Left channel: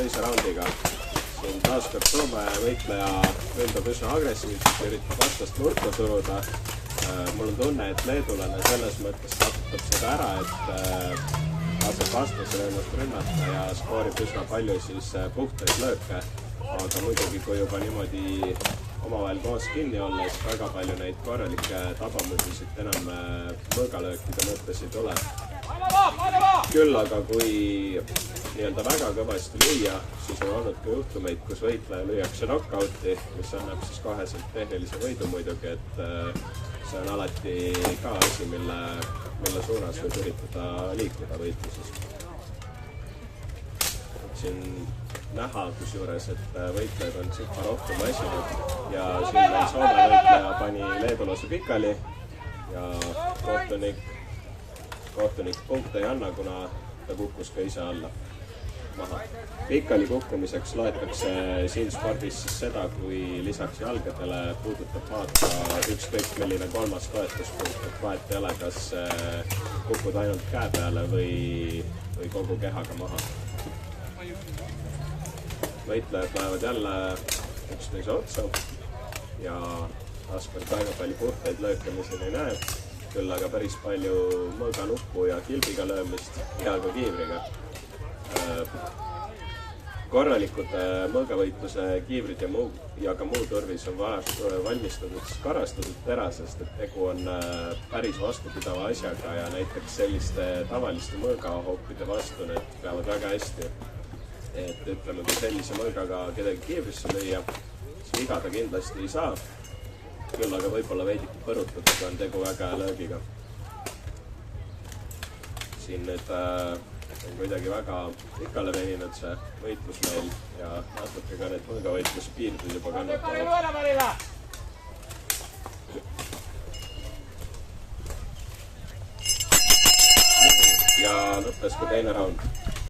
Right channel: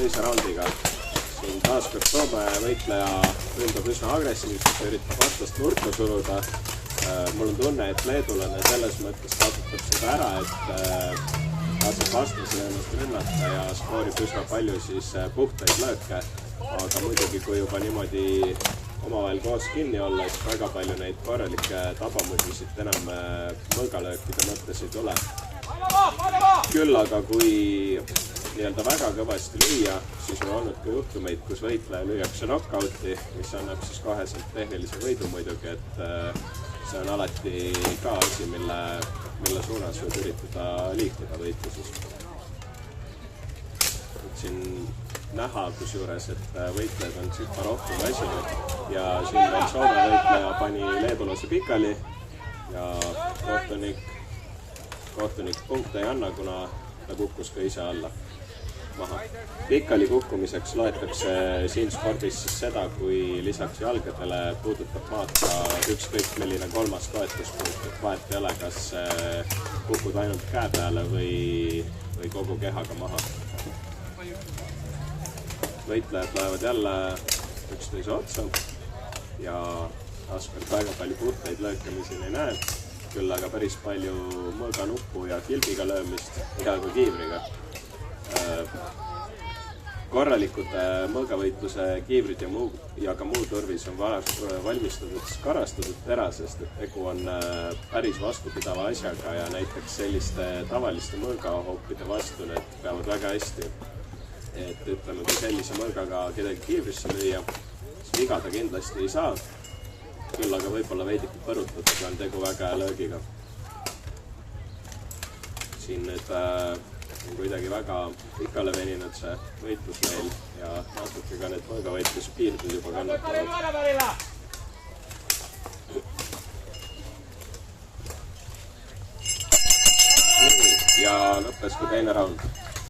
teise raundiga. Siin taaskord Toome võitleja ründab üsna agressiivselt, üritab vastast nurka suruda. Mul on tunne, et leedulane selles mõttes kasutab seda ära, et laseb vastasele ennast rünnata ja skoorib üsna palju siis puhtaid lööke. Aga muidugi, kui juba niimoodi omavahel koos kinni olla, et väga palju neid korralikke tabamusisid enam mõõgalöökide mõttes ei tule. Küll aga kui nii-öelda väga kõvasti lüüa, siis on olnud ka juhtumeid, kus võitleja lüüakse knockouti, mis annab siis koheselt tehnilise võidu muidugi, et see on alati ka asi, mille suunas võib üritada liikuda võitluses. Siin näha kusjuures, et võitlejad on sikka rohkem väsinud ja siin Soome võitleja pani leedulase pikali ja kohtunik punkte ei anna, kuna ta kukkus ka ise alla maha. Pikali kukkumiseks loetakse siin spordis siis seda, kui lisaks jalgadele puudutab maad ka ükskõik milline kolmas toetuspunkt, et vahet ei ole, kas kukud ainult käe peale või kogu kehaga maha. Võitlejad lähevad jälle üksteise otsa ja taaskord väga palju puhtaid lööke siin ei näe, küll aga päris palju mõõganuppu ja kilbiga löömist ja ka kiivriga. Korralikud mõõgavõitluse kiivrid ja ka muu turvis on valmistatud parastatud terasest, et tegu on päris vastupidava asjaga ja näiteks selliste tavaliste mõõgahoopide vastu need peavad väga hästi. Et ütleme, kui sellise mõõgaga kedagi kiivrisse lüüa, siis viga ta kindlasti ei saa. Küll aga võib-olla veidike põrutada, kui on tegu väga hea löögiga. Siin nüüd on kuidagi väga pikale veninud see võitlus meil ja natuke ka need mõõgavõitluspiirdud juba kannatavad. Ja lõppes ka teine raund.